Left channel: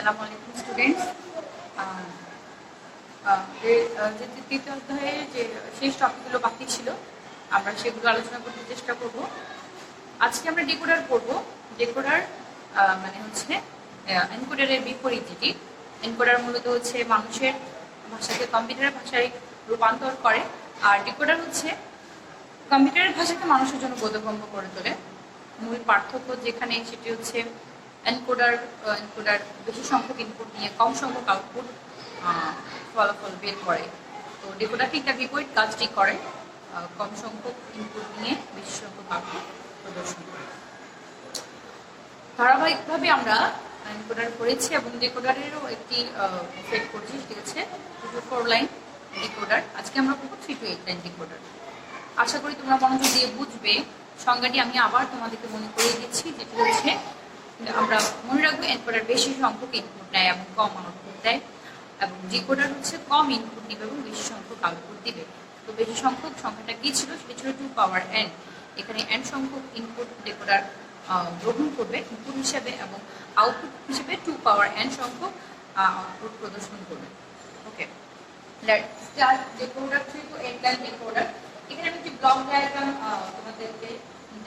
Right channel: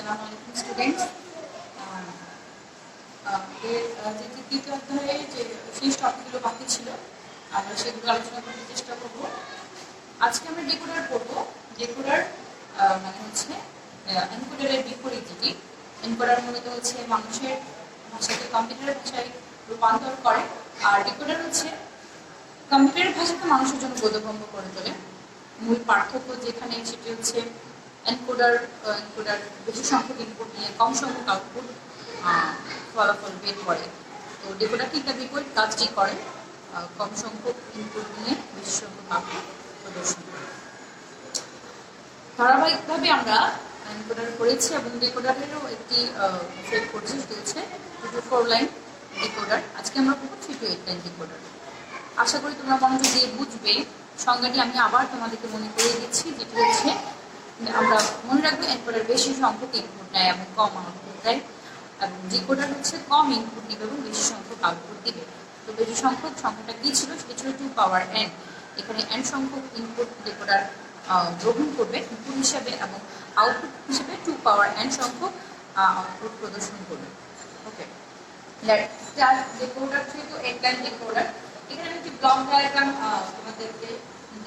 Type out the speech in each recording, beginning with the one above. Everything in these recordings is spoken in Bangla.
আসসালামু আলাইকুম স্টুডেন্টস। যে তৃতীয় অধ্যায়ে যে শেষ টপিকগুলো বাকি ছিল আমরা সেগুলো আলোচনা করতে চেষ্টা করব। আজকে আমরা ডেকোডার পড়ব। ডেকোডার মানে হচ্ছে এনকোডারের বিপরীত যেটি। এনকোডার মূলত হচ্ছে মানুষের ভাষাকে কম্পিউটারের ভাষায় রূপান্তর করে, আর ডেকোডার হচ্ছে কম্পিউটারের ভাষাকে মানুষের জন্য বোধগম্য করে তোলে। মূল পার্থক্য যেখানে সেটি হচ্ছে এনকোডার বেশি সংখ্যক ইনপুট নিয়ে কম সংখ্যক আউটপুট ফলাফল বের করে। তো ডেকোডার ঠিক তার বিপরীত কাজটি করে, কম সংখ্যক ইনপুট নিয়ে বেশি সংখ্যক আউটপুট প্রদর্শন করে। ধারাবাহিকভাবে আমরা এনকোডার করেছি এবং ডেকোডারেরও একটি সেট করছি, সেটি হচ্ছে 2-4 লাইন ডেকোডার। আজকে আমরা করবো 3-8 লাইন ডেকোডার। আশা করি তোমরা মনোযোগ দিয়ে বুঝবে। সংজ্ঞাটি আমি আবার তোমাদেরকে মনে করিয়ে দিচ্ছি, যেটি হচ্ছে আমরা মনে রাখবো এনকোডার বেশি সংখ্যক ইনপুট নেয় এবং কম আউটপুট দেয়, এবং ডিকোডার হচ্ছে কম ইনপুট দিবে এবং বেশি সংখ্যক আউটপুট দিবে। তো বেশি সংখ্যক সংখ্যাটা কি ছিল? সেটি ছিল 2 পাওয়ার n। এখানে n সংখ্যক ইনপুট ডিকোডার গ্রহণ করবে ইনপুট হিসেবে এবং আউটপুট হিসেবে 2 পাওয়ার n সংখ্যক আউটপুট প্রদর্শন করবে। ওকে, ডিকোডার তো এক লাইন ডিকোডার। এখানে আমি একটি ব্লক ডায়াগ্রাম তোমাদেরকে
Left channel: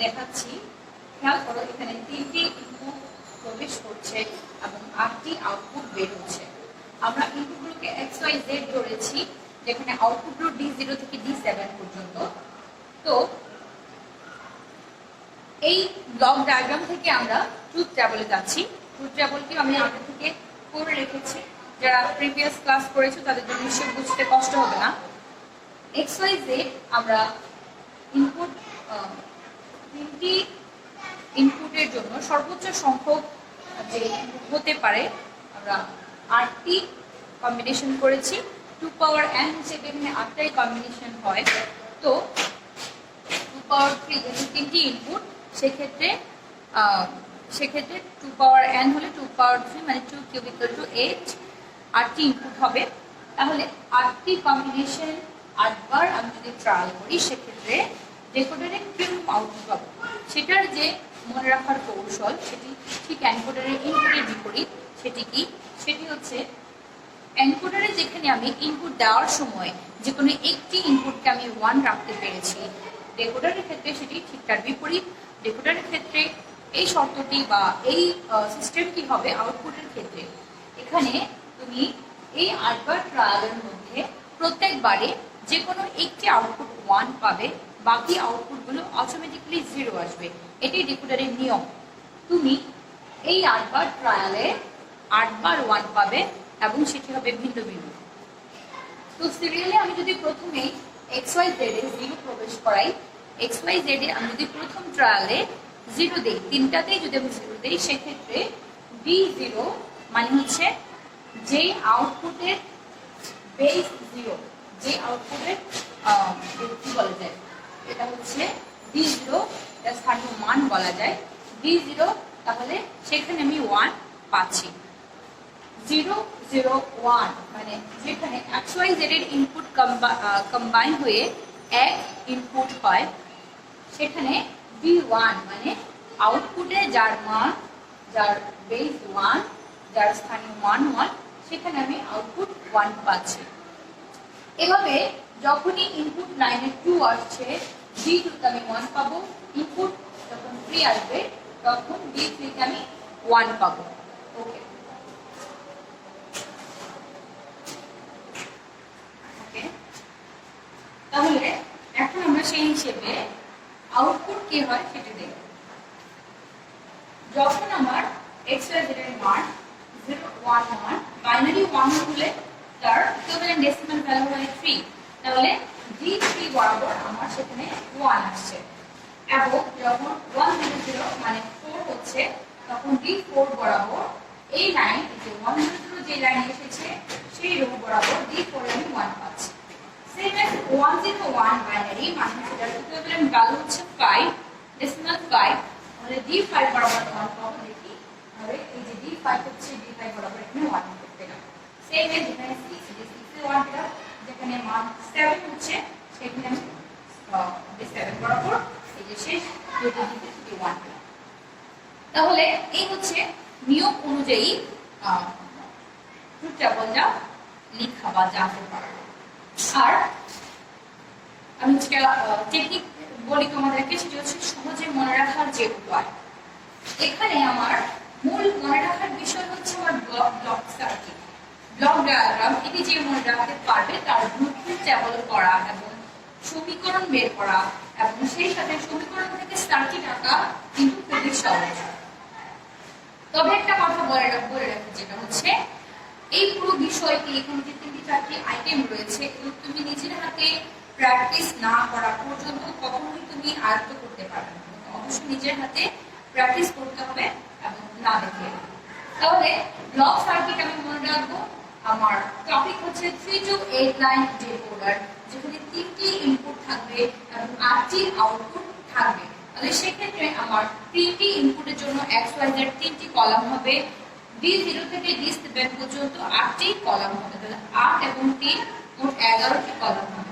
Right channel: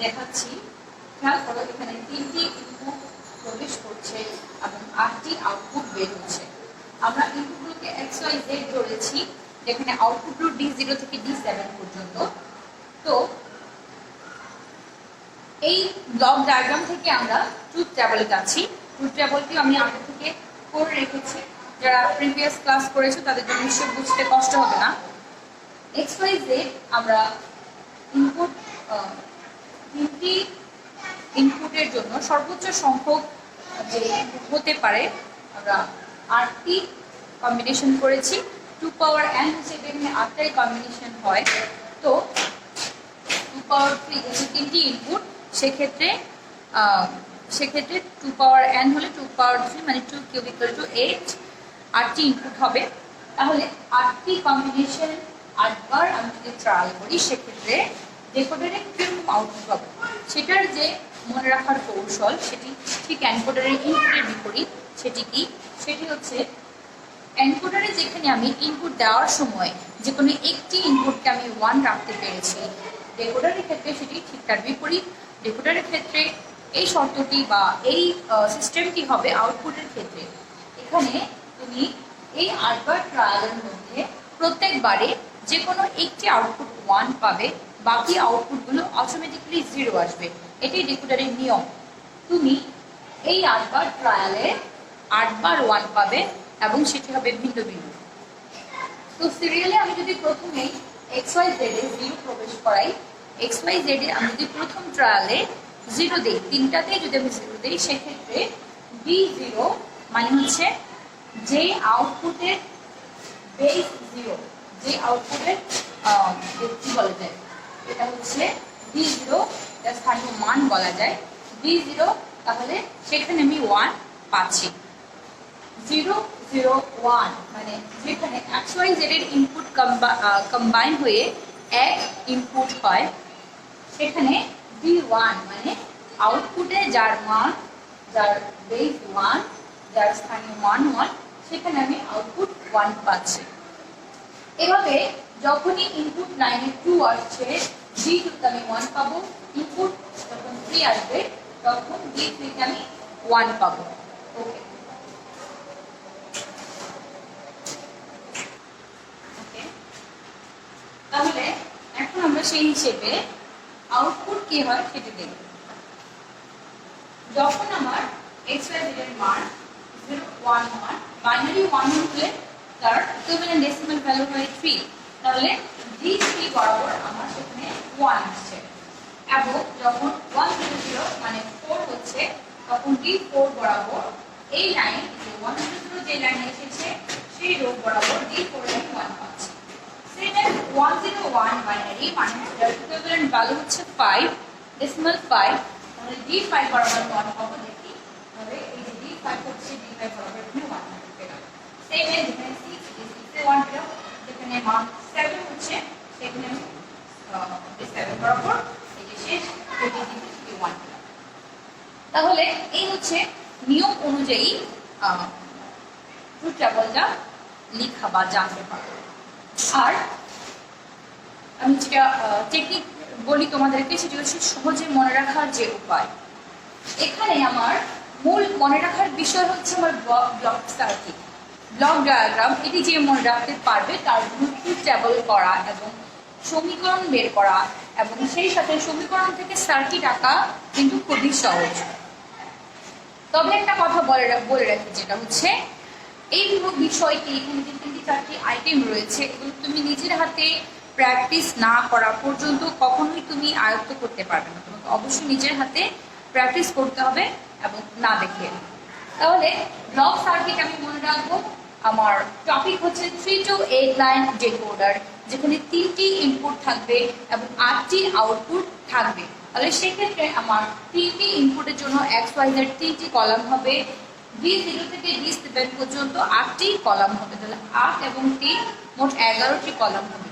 দেখাচ্ছি। খেয়াল করো, এখানে 3টি ইনপুট প্রবেশ করছে এবং 8টি আউটপুট বের হচ্ছে। আমরা ইনপুটগুলোকে XYZ ধরেছি, যেখানে আউটপুটগুলো D0 থেকে D7 পর্যন্ত। তো এই ব্লক ডায়াগ্রাম থেকে আমরা ট্রুথ টেবলে যাচ্ছি। ট্রুথ টেবলটি আমি আগে থেকে করে রেখেছি, যারা প্রিভিয়াস ক্লাস করেছো তাদের জন্য নিশ্চয় বুঝতে কষ্ট হবে না। XYZ আমরা ইনপুট 3টি ইনপুটের জন্য সর্বোচ্চ সংখ্যক যে ইনপুট হতে পারে আমরা 8টি কম্বিনেশন করেছি। 2 পাওয়ার n হিসেবে এখানে 8টাই কম্বিনেশন হয়। তো 2 পাওয়ার 3 যেহেতু 3টি ইনপুট, সেক্ষেত্রে 2 পাওয়ার n হলে 2 পাওয়ার 3 মানে 2 কিউব ইকুয়াল টু 8। 8টি ইনপুট হবে, তাহলে 8টি কম্বিনেশন 8 বার আমি যদি ট্রায়াল করি, সেক্ষেত্রে ডেকোডারে কিরকম আউটপুট হবে সেটার যে মনে রাখার কৌশল, সেটি ঠিক এনকোডারের ইনপুটের বিপরীত। সেটি কি? সেটি হচ্ছে এনকোডারে যেখানে আমি ইনপুট দেওয়ার সময় যে কোনো একটি ইনপুটকে আমি 1 রাখতে পেরেছি, ডেকোডারের ক্ষেত্রে সেটি ঠিক তার বিপরীত। ডেকোডারের ক্ষেত্রে এই শর্তটি বা এই সিস্টেমটি হবে আউটপুটের ক্ষেত্রে। এখানে তুমি এই 8 বার ট্রায়ালের মধ্যে প্রত্যেকবারে যে কোনো একটি আউটপুট 1 পাবে, বাকি আউটপুটগুলো অটোমেটিক্যালি 0 আসবে। এটাই ডেকোডারের নিয়ম। তুমি এই 8 বার ট্রায়ালে 8 বার 1 পাবে এবং সেটি হবে ভিন্ন ভিন্ন। তো সিরিয়ালে আমি যদি প্রথমে XYZ এ 0 প্রবেশ করাই, XYZ এ আমি যদি প্রথম ট্রায়ালে 0 দিই, তিনটাতেই যদি আমি 0 দিই, সেক্ষেত্রে D0 মানে হচ্ছে যে আউটপুটের বেস 0, যে আউটপুটের কি বলা যায়, এটা হচ্ছে D0, এর স্থানীয় মান বলা যায় D0। তাহলে সেখানে আমি 1 পাচ্ছি। 0 0 1 মানে যেখানে XYZ এর ইনপুট কম্বাইন হয়ে এক ইনপুট হয়, সেখানে D1 মানে আউটপুটে যার মান, যার বেস 1, যার স্থানীয় মান 1, সেখানে আমি আউটপুট 1 পাচ্ছি। এভাবে যখনই ইনপুট লাইনে 2 আসছে, D2 তে আমি 1 পাবো। ইনপুট যখন 3 আসবে, তখন D3 তে আমি 1 পাবো। ওকে, তাহলে এখন আমরা সেই হিসেবে আউটপুট কি হয় সেটা দেখব। যখন আমার XYZ এর মান 0 1 1, বাইনারি 1 হলে তার ইকুইভ্যালেন্ট ডেসিমাল ভ্যালু হয় 3, তাহলে D3 বরাবর আমার সেখানে 1 আসছে। এবং যখন 1 0 0 মানে 4 হচ্ছে, তখন D4 বরাবর এই লাইন, যে 1 0 0 যে লাইনে এসেছে সেই রো বরাবর D4 এ আমি 1 পাচ্ছি। সেম 1 0 1 বাইনারি মানে সেটার ইকুইভ্যালেন্ট ভ্যালু হচ্ছে 5, ডেসিমাল 5, তাহলে D5 বরাবর 1 পাবো। দেখি তাহলে এই যে D5 হচ্ছে, D5 বরাবর এখানে 1 পেলাম। সেম যেখানে 6, যে 6 এ 1 পেলাম, যেখানে মান 7 হচ্ছে সেখানে আমি D7 বরাবর এই যে শেষ D1 পেলাম। তাহলে এই হচ্ছে নিয়ম অনুযায়ী ট্রুথ টেবলটা লিখা বা জানতে পারো। আর আমি যেটা টেকনিক বলি তোমাদেরকে, সেটা হচ্ছে সহজে মনে রাখার যে উপায়। এখানে আমার মূল মনে রাখার বিষয় হচ্ছে আমার ব্লক সার্কিট, ব্লক ডায়াগ্রাম। এটি যে মনে রাখতে পারবে তার জন্য ট্রুথ টেবল করা এবং সমীকরণ বের করা এবং সেই সাথে সমীকরণ থেকে সার্কিট আঁকা কিন্তু খুবই সহজ। তবে একটা কথা বলে রাখি, যেটা হচ্ছে এই পুরো বিষয়টি, এখানে যে 3-4টি আইটেম রয়েছে, এগুলো তুমি নিজের হাতে প্র্যাকটিস না করা পর্যন্ত কখনোই তুমি আয়ত্ত করতে পারবে না। তোমাকে অবশ্যই নিজের হাতে প্র্যাকটিস করতে হবে এবং না দেখে। তাহলে ব্লক সার্কিট আমি মনে রাখবো, আমার টপিক হচ্ছে 3 to 8 লাইন ডিকোডার, যেখানে 3টি ইনপুট থাকবে এবং 8টি আউটপুট থাকবে। তাহলে সেক্ষেত্রে আমার 3টি ইনপুটের জন্য XYZ 3টি কলাম হবে, D0 থেকে D7 পর্যন্ত 8টি কলাম হবে। তাহলে 8 এবং 3 মোট 11টি কলাম হবে।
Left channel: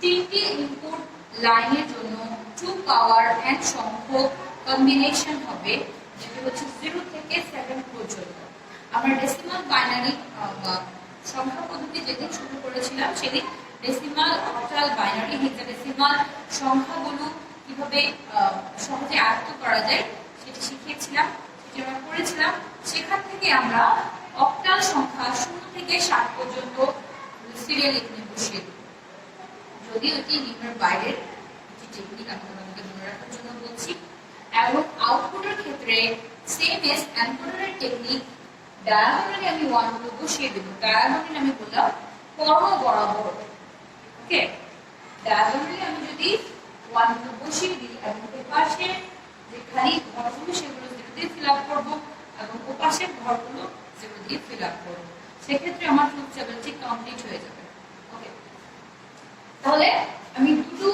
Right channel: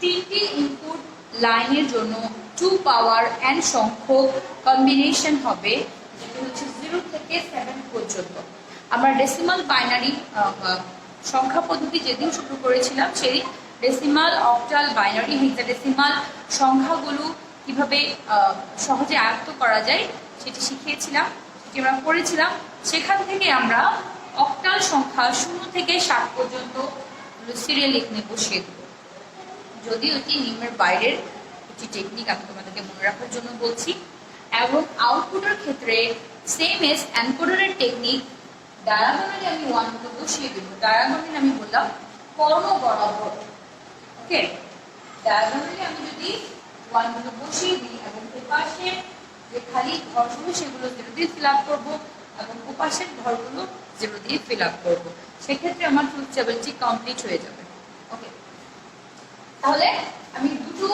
3টি ইনপুট লাইনের জন্য 2 পাওয়ার n সংখ্যক কম্বিনেশন হবে, যেটা হচ্ছে 0 থেকে 7 পর্যন্ত। আমরা ডেসিমাল বাইনারি সংখ্যা পদ্ধতি যেদিন শুরু করেছিলাম, সেই ডেসিমাল, অক্টাল, বাইনারি, হেক্সাডেসিমাল সংখ্যাগুলো কিভাবে সহজে আয়ত্ত করা যায় সেটি শিখিয়েছিলাম, সেটি আমরা পড়েছিলাম। সেখান থেকে আমরা অক্টাল সংখ্যা 0 থেকে 7 পর্যন্ত সিরিয়াল এখানে বসিয়ে দেব। যদিও এটি নিয়মের বাইরের একটি টেকনিক, আমি তোমাদেরকে মনে রাখার জন্য বলছি। এবং আউটপুটের ক্ষেত্রে সেম এস এনকোডারের টেকনিক, ডায়াগোনালি আমি 1 গুলো বসিয়ে দেব। ডায়াগোনালি আমি বললাম কর্ণ বরাবর, ওকে। ডায়াগোনালি আমি যদি 1 গুলো বসিয়ে দিই এবং এপাশে যে খালি ঘরগুলো সেগুলো 0 দিয়ে ফিল আপ করবো এবং ওপাশের ঘরগুলো 0 দিয়ে ফিল আপ করবো, সেক্ষেত্রে আমার ট্রুথ টেবলটি কমপ্লিট হয়ে যাবে। ওকে, তাহলে আমি দুটো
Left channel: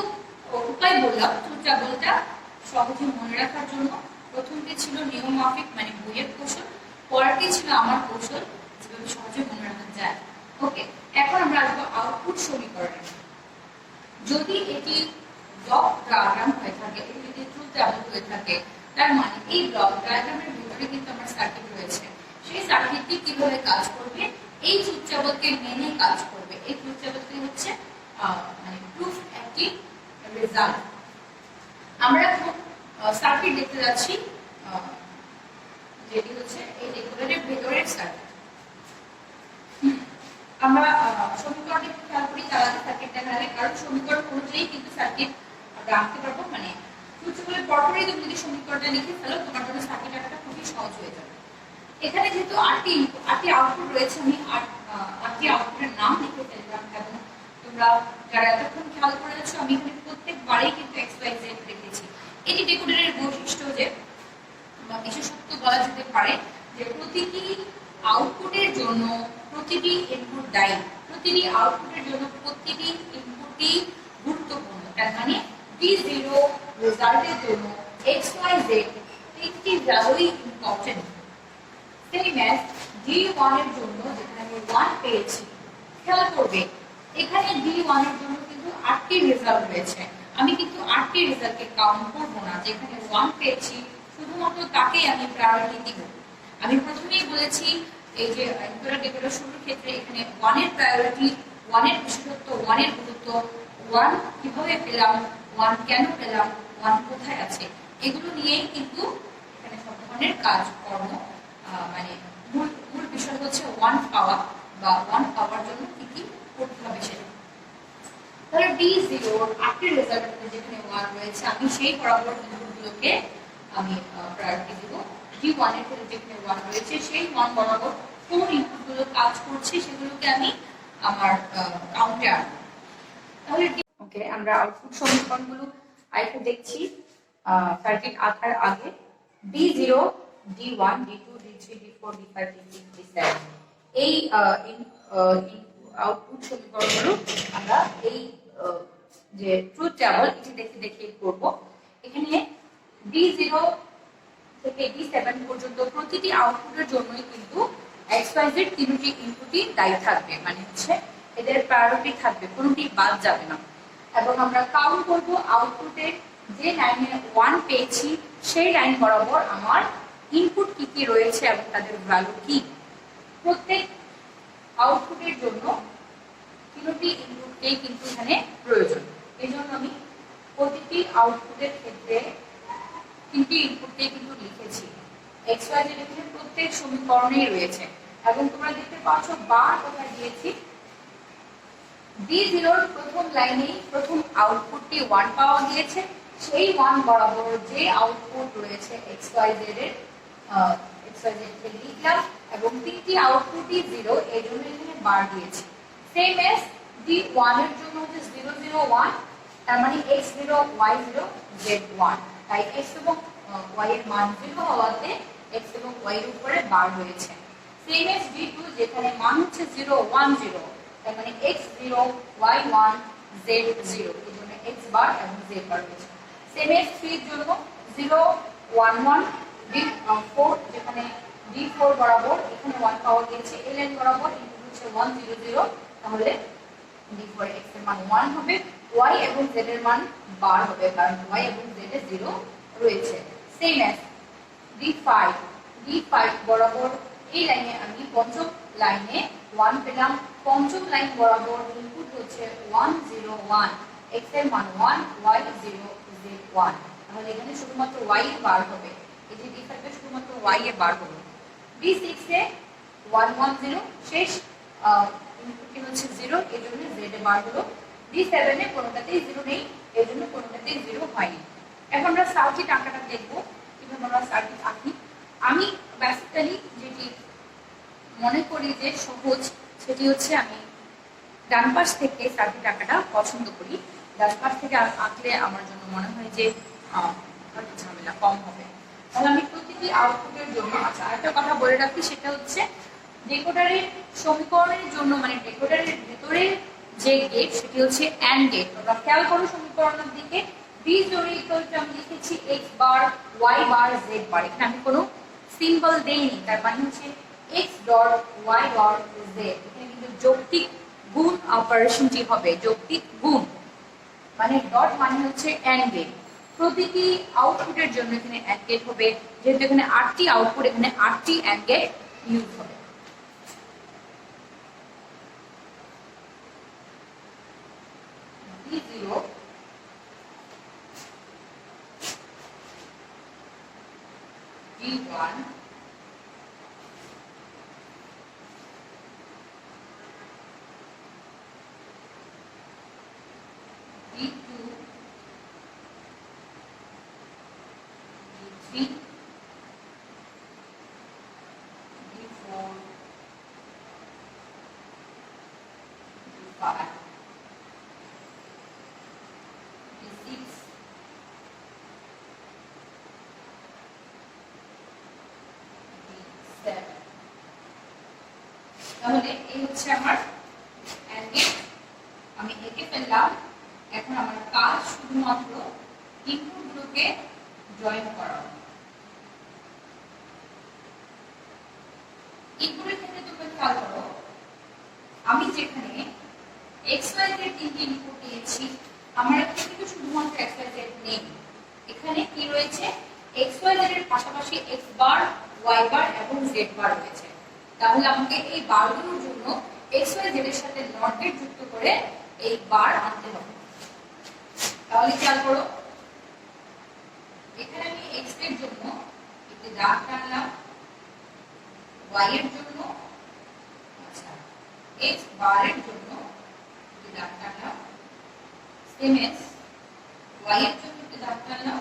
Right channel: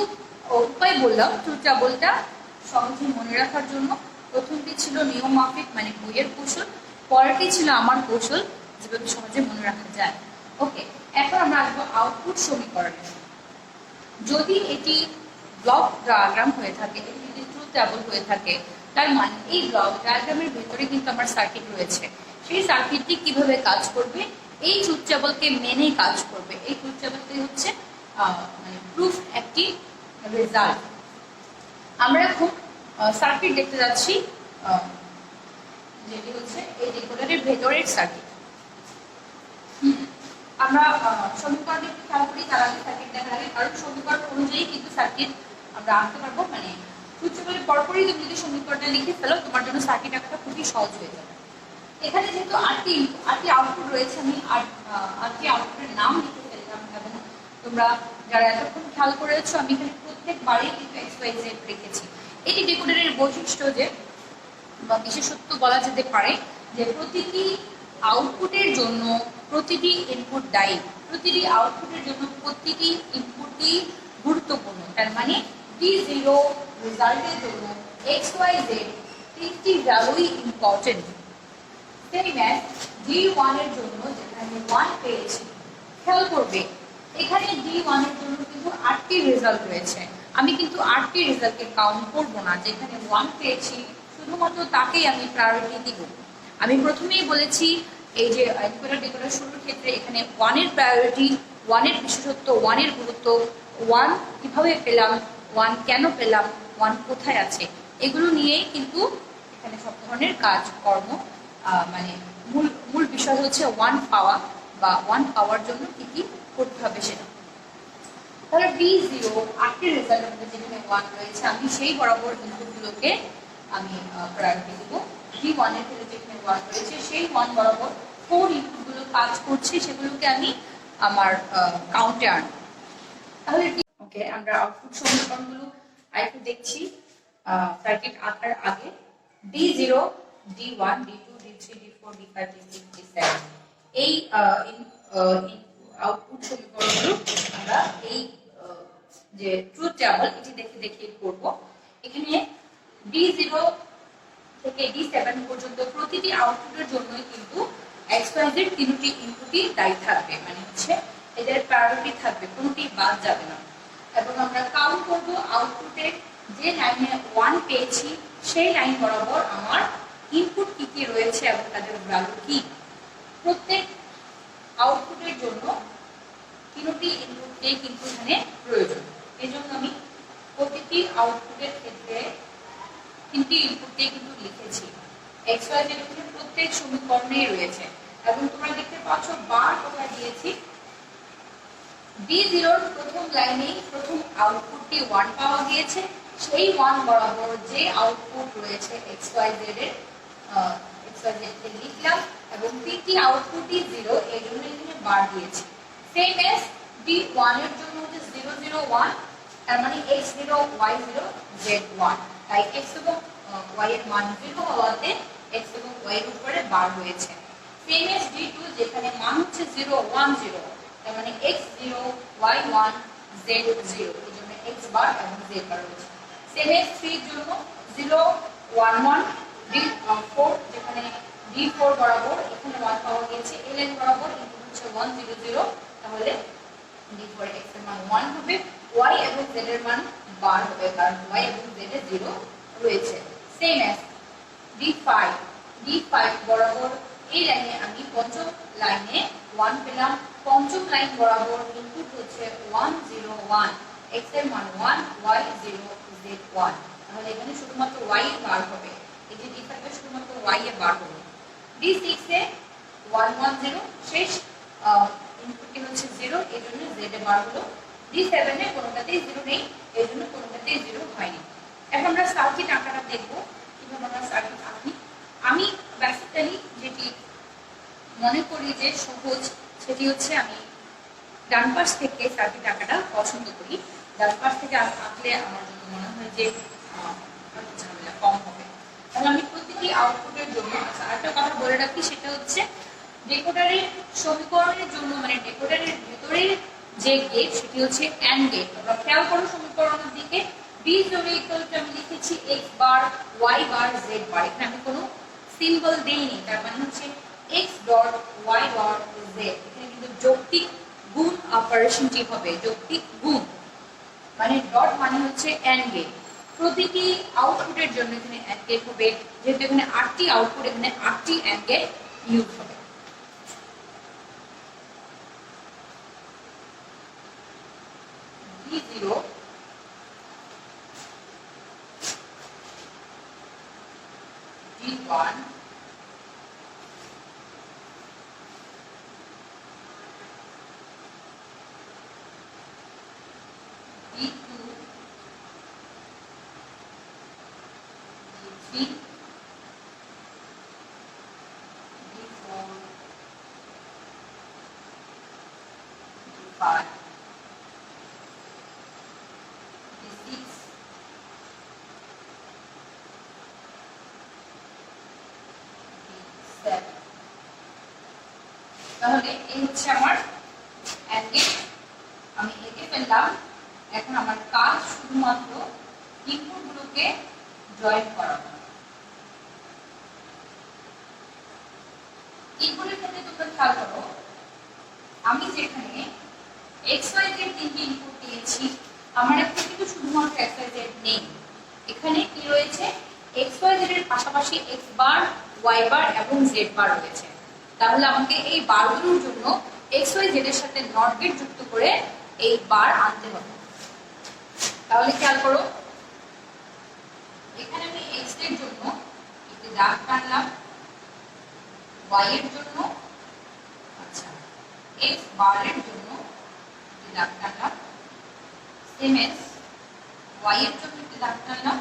উপায় বললাম ট্রুথ টেবলটা সহজে মনে রাখার জন্য। প্রথমটি ছিল নিয়ম মাফিক, মানে বইয়ের কৌশল। পরেরটি ছিল আমার কৌশল, যেভাবে সহজে মনে রাখা যায়। ওকে, এখন আমরা আসবো আউটপুট সমীকরণে। যদি এটি ব্লক ডায়াগ্রাম হয়ে থাকে, এটি যদি ট্রুথ টেবল হয়ে থাকে, তার মানে এই ব্লক ডায়াগ্রামের ভিতরে কিন্তু আমার সার্কিট রয়েছে। সেই সার্কিটটি কিভাবে কাজ করবে, এই ট্রুথ টেবলকে মেনে কাজ করবে। এই ট্রুথ টেবলটি হচ্ছে মানে প্রুফ, একটি রেজাল্ট। আমরা এখন সার্কিট দেখতে যাচ্ছি, যেটি হচ্ছে এই ডিকোডারের ভেতরের সার্কিট। আমরা সমীকরণে একটু খেয়াল করি, তার আগে সার্কিট দেখা আগে, কারণ সমীকরণ অনুযায়ী কিন্তু সার্কিট আমরা আঁকতে পারবো। মানে ট্রুথ টেবলের পরপরই তুমি যদি সমীকরণটা লিখে ফেলো, তোমার জন্য সার্কিট আঁকাটা খুবই সহজ হয়ে যাবে। এখানে যেহেতু 8টি আউটপুট রয়েছে, আমি 8টি আউটপুটের নাম লিখে ফেললাম। এবং তোমরা যারা এতক্ষণ খেয়াল করেছো, আমি এখানে প্রত্যেকবারেই কিন্তু XYZ রেখেছি। এটি ডিকোডারের বৈশিষ্ট্য, যে বা বিশেষত্ব বলা যেতে পারে, যে প্রতিটি আউটপুটের জন্য প্রতিটি ইনপুট দায়ী। প্রতিটি আউটপুটের জন্য প্রতিটি ইনপুটই গুরুত্বপূর্ণ। তার মানে D0 রেজাল্টের জন্য XYZ 3টি ভ্যালুই ইম্পর্টেন্ট। সেম অ্যাজ D1 এর জন্য, যেখানে আমি 1 পেয়েছি, খেয়াল করবে এখানে D1 এর জন্য কিন্তু 8টি রেজাল্ট রয়েছে। আমি কিন্তু 8টি রেজাল্টকে কাউন্ট করবো না, যেখানে 1 পেয়েছি শুধুমাত্র তাকেই আমি প্রায়োরিটি দিব। আমি প্রথমেই বলেছি, এই যে এনকোডার ডিকোডার শুরুর ক্ষেত্রে এখানে 1 এর প্রায়োরিটি, 1 এর বিশেষত্ব, 1 এর গুরুত্ব, 1 কিভাবে পেলাম, 1 কেন পেলাম, 1 কোথায় আছে, এগুলো নিয়েই কিন্তু এখানে সব ধরনের কাজকর্ম। মানে মূল বিষয় হচ্ছে 1 পাওয়া, বা 1 পাওয়ার জন্য কি কি করতে হবে সেটা। তাহলে D0 8টি রেজাল্ট, যেখানে 1 রয়েছে, আমি সেই বরাবর ইনপুটগুলোকে আমি প্রায়োরিটি দিব। D1 এর ক্ষেত্রে যেখানে 1 রয়েছে, সেই 1 বরাবর 4 ইনপুটগুলো কাজ করছে, সেগুলোকে আমি আমার কাউন্টে আনব। তাহলে ওকে, আমরা আউটপুট সমীকরণগুলো আরেকটু দেখছি সার্কিট আঁকার আগে। D0, D1, D2, D3, D4, D5, D6, D7, এই আউটপুট সমীকরণগুলো আমরা এই যে ট্রুথ টেবল, এটি দেখে দেখে করব। এখানে D0 থেকে D7 পর্যন্ত প্রতিটি আউটপুটের জন্যই কিন্তু XYZ 3টি ইনপুটই দায়ী থাকবে, মানে হচ্ছে এদের প্রায়োরিটি থাকবে, কোনোটি বাদ যাবে না। এবং আমরা কাউন্ট করব আউটপুটের যে লাইনে 1 পেয়েছি, সেই লাইন বরাবর আমার ইনপুট কি কি রয়েছে এবং তাদের ভ্যালু কি। প্রত্যেক আউটপুটের জন্য তিনটি ইনপুটকেই কিন্তু এখানে প্রয়োজন। এই জন্য আমি প্রতিটি আউটপুটের ক্ষেত্রে তিনটি ইনপুটকেই কিন্তু লিখেছি। এক্স ওয়াই জেড এখানে প্রত্যেক সমীকরণেই রয়েছে এবং তোমরা দেখতে পাচ্ছ বার কোথায় দিয়েছি। B0 এর প্রথম লাইনে প্রথম আউটপুটটি 1 পাওয়া গিয়েছে, সেই 1 বরাবর যে আউটপুট রয়েছে এক্স ওয়াই জেড এর কে লিখলাম এবং তিনটি আউটপুটই 0, এই জন্য এখানে বার দিয়েছি। সেম এস B1 এর জন্য হচ্ছে 0 0 1, তার মানে x0 y0 z1, তাই x এবং y এর মান 0 হওয়াতে x এবং y এর উপরে বার হয়েছে। সেম এস B2 যেখানে মান হচ্ছে 0 1 0, তার মানে x0 y1 z0, এই জন্য x বার এবং z বার রয়েছে। সেম এস 3 এর জন্য 0 1 1 D4, যেখানে D4 বরাবর এখানে 1 পাওয়া গিয়েছে, ln বরাবর ইনপুট হচ্ছে 1 0 0, তাহলে D4 x এর মান 1 হবে, y এবং z এর মান বার হবে কারণ y এবং z এ 0 রয়েছে। সেম এস D5 বরাবর এই লাইনে আমি পঞ্চম লাইনে 1 পেলাম, পঞ্চম লাইন বরাবর ইনপুট হচ্ছে 1 0 1, x এর মান 1 y 0 z 1, তাহলে এখানে শুধুমাত্র y এর বার হবে। এই যে D5 এ শুধুমাত্র y এর বার হবে। D6 এ 1 1 0, শেষ ইনপুটটি হচ্ছে 0, এই জন্য z এর বার হলো। D7 এ কোনোটাতেই 0 নেই, এই জন্য কোনোটাতেই 0 হয়নি। এখন আমরা সার্কিট আঁকাটা দেখব, কিভাবে আমরা সার্কিট আঁকি। আমি বেসিক্যালি যেটি মনে করি যে সহজ, সেটি হচ্ছে আমি ডান পাশ থেকে সার্কিট আঁকাটা পছন্দ করি। ডান পাশ থেকে আঁকলে আমার জন্য মনে হয় যে ঝামেলা কম হবে। তাহলে আমি প্রতিটি আউটপুটের জন্য, আচ্ছা আরেকটা কথা বলে রাখি, সেটা হচ্ছে ডেকোডারের সমীকরণের জন্য, মানে ডেকোডারের ভিতরে যে গেট সেটি হচ্ছে অ্যান্ড গেট। তোমরা খেয়াল করো সমীকরণের দিকে, B0 আমি লিখেছি x বার y বার z বার, এখানে আমি কোনো সিম্বল দেইনি, তার মানে হচ্ছে x dot y dot z। এখানে কিন্তু যৌক্তিক গুণ অপারেশনটি হবে, যৌক্তিক গুণ মানে ডট মানে হচ্ছে অ্যান্ড গেট। প্রতিটি আউটপুটের জন্য এখানে অ্যান্ড গেট হবে, যেহেতু এখানে 8টি আউটপুট, এখানে 8টি অ্যান্ড গেট ইউজ হবে। B0 B1 B2 B3 B4 B5 B6 B7। তাহলে এই হচ্ছে আমার অ্যান্ড গেট, আমি এঁকে ফেললাম। এখন আমার কাজ শুধুমাত্র ইনপুটগুলোকে জয়েন করানো। ইনপুটের ক্ষেত্রে তোমরা খেয়াল করো, আমি যেখানে এক্স ওয়াই জেড তিনটি ইনপুট দিয়েছি, আমার এখানে কিন্তু শুধুমাত্র এক্স ওয়াই জেড নেই, এখানে কি রয়েছে এক্স ওয়াই জেড এর পাশাপাশি এক্স বার ওয়াই বার এবং জেড বার রয়েছে। তাহলে আমাকে এই বারগুলোর জন্য এক্স ওয়াই জেড এর সাথে নট গেট যুক্ত করে এই বার আনতে হবে। তাহলে খেয়াল করো, এখানে আমি x এর জন্য একটি দাগ টানলাম, y এর জন্য, আচ্ছা x বার এর জন্য একটি দাগ টানলাম, সেম এস y এর জন্য একটি দাগ টানলাম,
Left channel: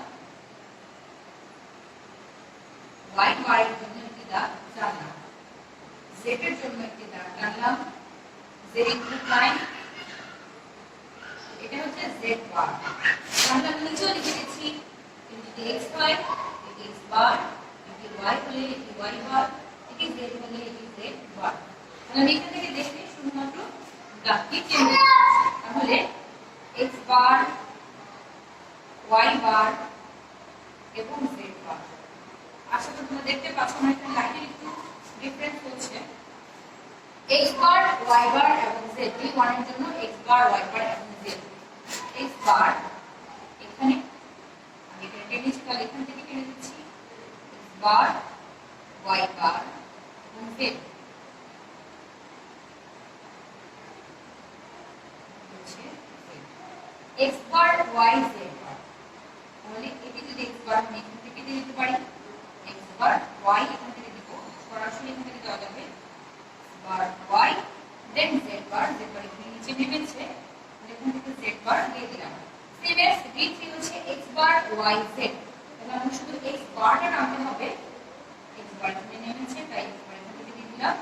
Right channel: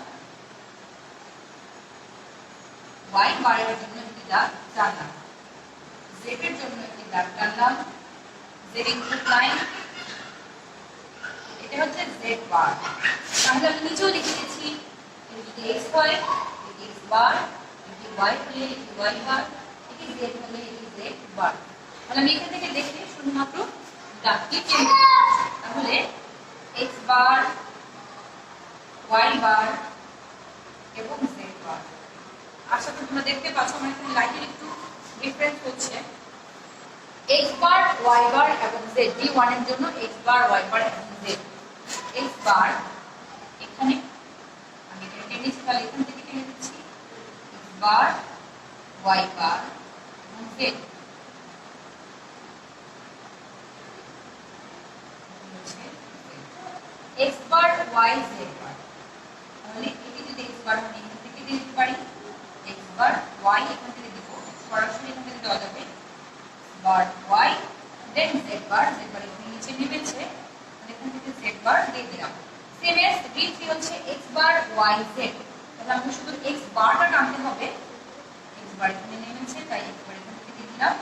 y বার এর জন্য একটি দাগ টানলাম, z এর জন্য একটি দাগ টানলাম, z ইনপুট লাইন, এটা হচ্ছে z বার। তাহলে আমি নিচেও লিখে দিচ্ছি, এটি x হয়, এটি x বার, এটি y হলে এটি y বার, এটি z হলে এটি z বার। তাহলে আমি এখান থেকে দেখি শুধুমাত্র দাগটি চেঞ্জ করছি। তাহলে x বার, y বার এবং z বার। আশা করি তোমরা দেখতে পাচ্ছ আমার এখানে লাইনের একটু ডিফারেন্স হচ্ছে। x বার, y বার এবং z, D1 এর জন্য x বার, y বার এবং z। x বার এখানে আমি এটা নিচে তাহলে এখান থেকে টেনে দিচ্ছি, x বার, y বার এবং z। হচ্ছে x bar Y Z bar. তাহলে এটাকে যদি এক্স বার আমি এখান থেকে দিতে পারি, এক্স বার ওয়াই এখান থেকে দিব, সরাসরি এখান থেকে দেওয়া যাবে বার ওয়াই, দেন জেড বার এখানে নিচে নেমেছে, এখান থেকে জেড বার দিয়ে দিলাম। সেম এস d3 হচ্ছে এক্স বার ওয়াই জেড। তাহলে আমাকে শুধু এক্স বারটা টানতে হবে, এক্স বার এখানে নেমেছে তাই এক্স বার এখান থেকে দিয়ে দিলাম,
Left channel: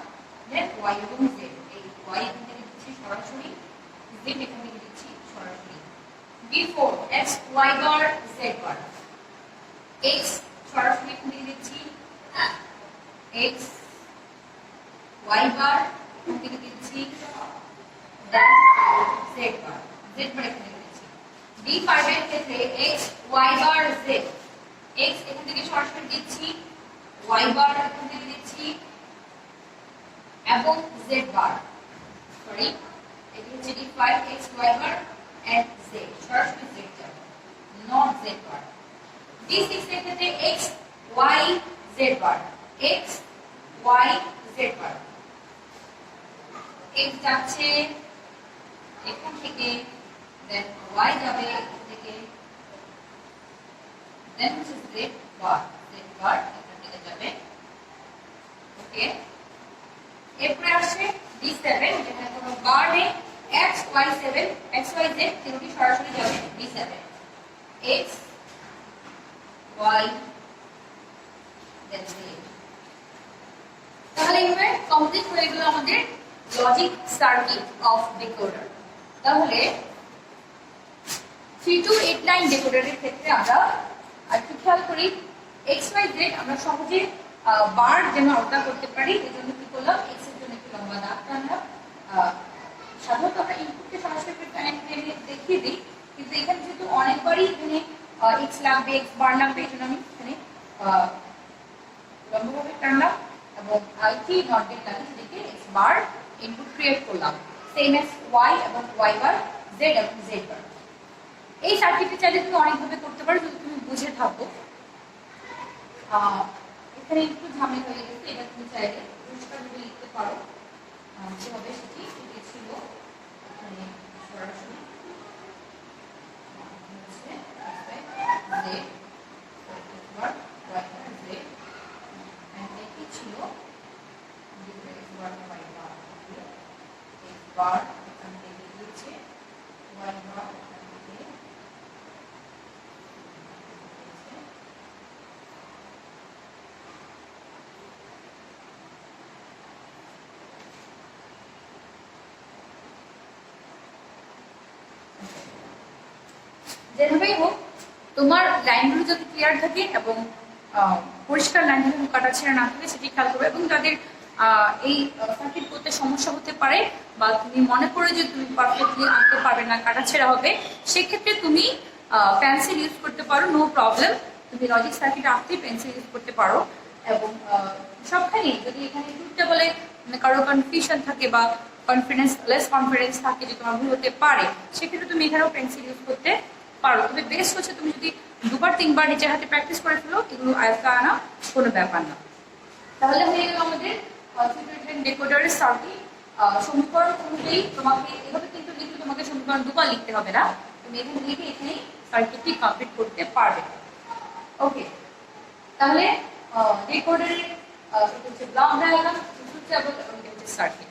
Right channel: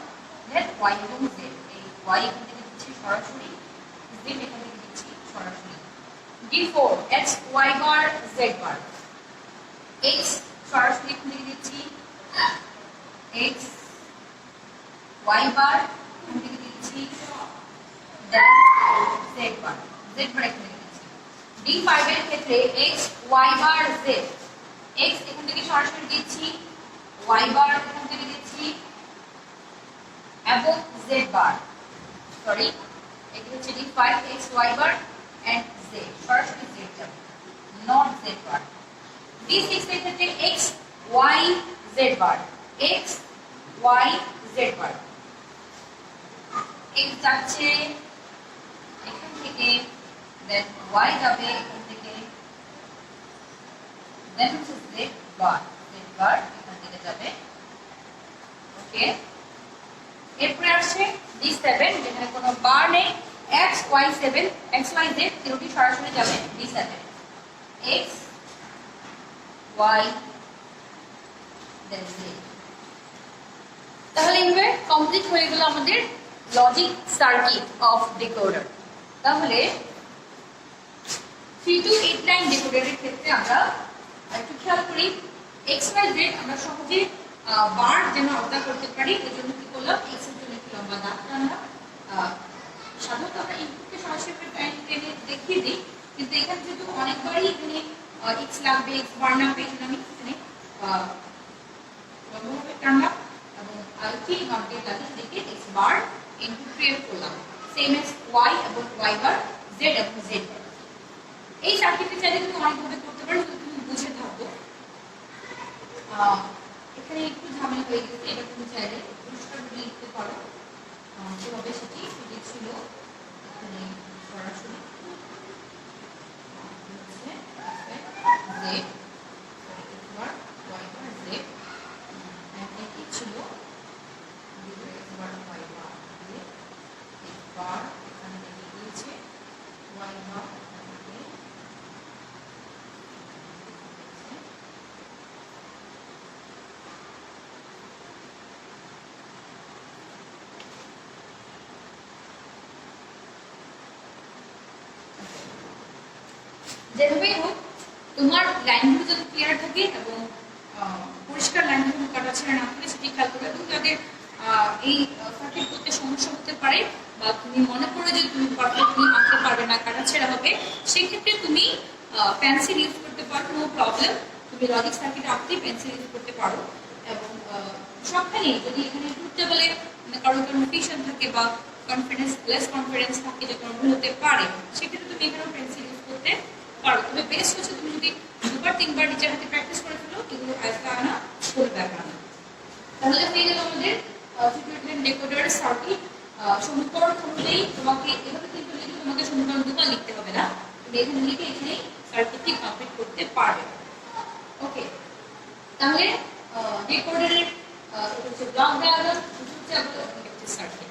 দেন ওয়াই এবং জেড, এই ওয়াই এখান থেকে দিচ্ছি সরাসরি, জেড এখান থেকে দিচ্ছি সরাসরি। d4 x y বার z বার, x সরাসরি এখান থেকে দিচ্ছি x y বার এখান থেকে দিচ্ছি, দেন z বার, z বার এখান থেকে দিচ্ছি। d5 এর ক্ষেত্রে x y বার z, x এখান থেকে সরাসরি দিচ্ছি, y বার এখান থেকে দিচ্ছি এবং z বার, সরি এটা হচ্ছে d5 x y bar and z, সরাসরি z যাবে, নট z বার। d6 এর ক্ষেত্রে x y z বার, x y z বার, x যাচ্ছে এখান থেকে, দেন y যাবে এখান থেকে, দেন হচ্ছে z বার, এখান থেকে যাবে। ওকে, এরপরে আসছে d7 যেখানে কোনো বার নেই, x y 7 x y z তিনটি সরাসরি যাবে d7, x y then z। তাহলে এইভাবে কমপ্লিট হয়ে গেল আমাদের লজিক সার্কিট অফ ডিকোডার। তাহলে 3289 ডিকোডারের ক্ষেত্রে আমরা একটু খেয়াল করি, এক্স ওয়াই জেড আমরা সহজে বার যেন আলাদা করতে পারি, এই জন্য কি করলাম, এক্স এর জন্য একটু লম্বা দাগ টানলাম। সাধারণত আমরা ইনপুটকে সরাসরি টেনে দেখিয়ে দিই, কিন্তু এখানে যেহেতু অনেকবারই এখানে এক্স লাগবে, এক্স বার লাগবে, এই জন্য আমি এখানে লম্বভাবে টানলাম এবং আইটি নট গেট লাগে সেটাকে এক্স বার ইনপুট ক্রিয়েট করলাম, সেম এস ওয়াই এবং ওয়াই বার, জেড এবং জেড বার। এই সার্কিটটি চাইলে তুমি অনেকভাবে করতে পারো যদি তুমি বুঝে থাকো। এখানে একটু ঝামেলা হয়ে গেছে, এটা তুমি চাইলে পরিষ্কারভাবে লিখতে পারো কিভাবে সেটি ছিল। এখানে সরাসরি ছিল বার এখান থেকে গিয়েছে, ওয়াই বার এখান থেকে যেভাবেই হোক তোমার লাইনগুলো যাতে ক্লিয়ার থাকে এবং পরিষ্কার লাইনগুলো কাটাছেড়া না থাকে সেটি খেয়াল করবে। এবং যাদের এই সার্কিট করতে সমস্যা হতে পারে বা তুমি মনে করো যে তুমি পারফেক্টলি আঁকতে পারবে না, কাটাছেড়া হবে, সেক্ষেত্রে তুমি পেন্সিল ইউজ করতে পারো, নো প্রবলেম। তুমি লজিক সার্কিট আঁকতে পেন্সিল ইউজ করতে পারো। এবং সবখানেই যদি এখানে টুথটা বলে কারো কনফিউশন থাকে বা লেস কনফিডেন্স থাকে যে তোমার ভুল হতে পারে, সেক্ষেত্রে তুমি এখানেও পেন্সিল ইউজ করতে পারো। তবে বেস্ট হচ্ছে তুমি যদি দুবার তিনবার নিজের হাতে প্র্যাকটিস করে ফেলো, এগুলো আয়ত্তে আনা কোনো ব্যাপার না। তাহলে হয়ে গেল আমাদের ডিকোডার সার্কিট। সমীকরণ অনুযায়ী তোমাকে এভাবে কিন্তু লিখে তোমাকে সমীকরণ দুবার লিখতে হবে না, তুমি এখানে লিখে এখানে সার্কিটটি কমপ্লিট করতে পারবে। ওকে, তাহলে ডিকোডারের এটা হচ্ছে ব্লক ডায়াগ্রাম, এটা হচ্ছে সার্কিট।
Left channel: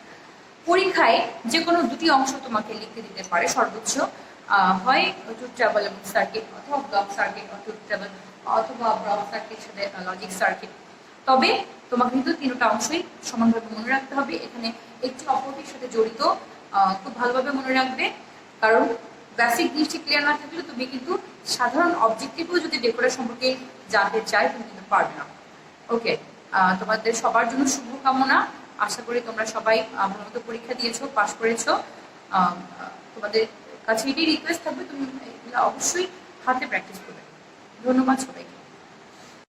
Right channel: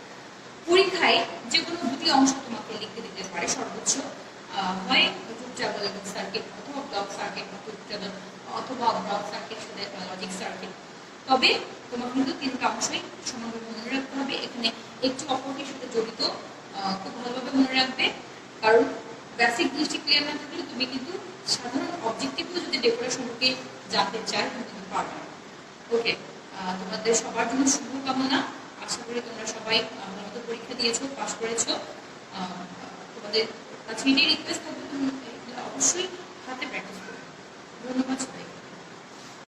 পরীক্ষায় যে কোনো দুটি অংশ তোমাকে লিখতে দিতে পারে সর্বোচ্চ, হয় ট্রুথ টেবল এবং সার্কিট, অথবা ব্লক সার্কিট বা ট্রুথ টেবল, অথবা ব্লক সার্কিট সাথে লজিক সার্কিট। তবে তোমাকে কিন্তু তিনটা অংশই সমানভাবে মনে রাখতে হবে, এখানে একটি অপরটির সাথে জড়িত, খুব ভালোভাবে মনে রাখবে। কারণ বেসিক জিনিসটি ক্লিয়ার না থাকলে তুমি কিন্তু সাধারণ অবজেক্টিভও যদি ডেকোরেশন সম্পর্কে জানতে চাই তুমি কিন্তু পারবে না। ওকে, তোমাদের সবার জন্য শুভকামনা। আশা করি তোমরা সবাই ভালোমতো পরীক্ষা দিয়েছো, পাস করেছো। তোমাদের কাছে এটাই রিকোয়েস্ট থাকবে তুমি অবশ্যই হাতে প্র্যাকটিস করবে। ধন্যবাদ সবাই।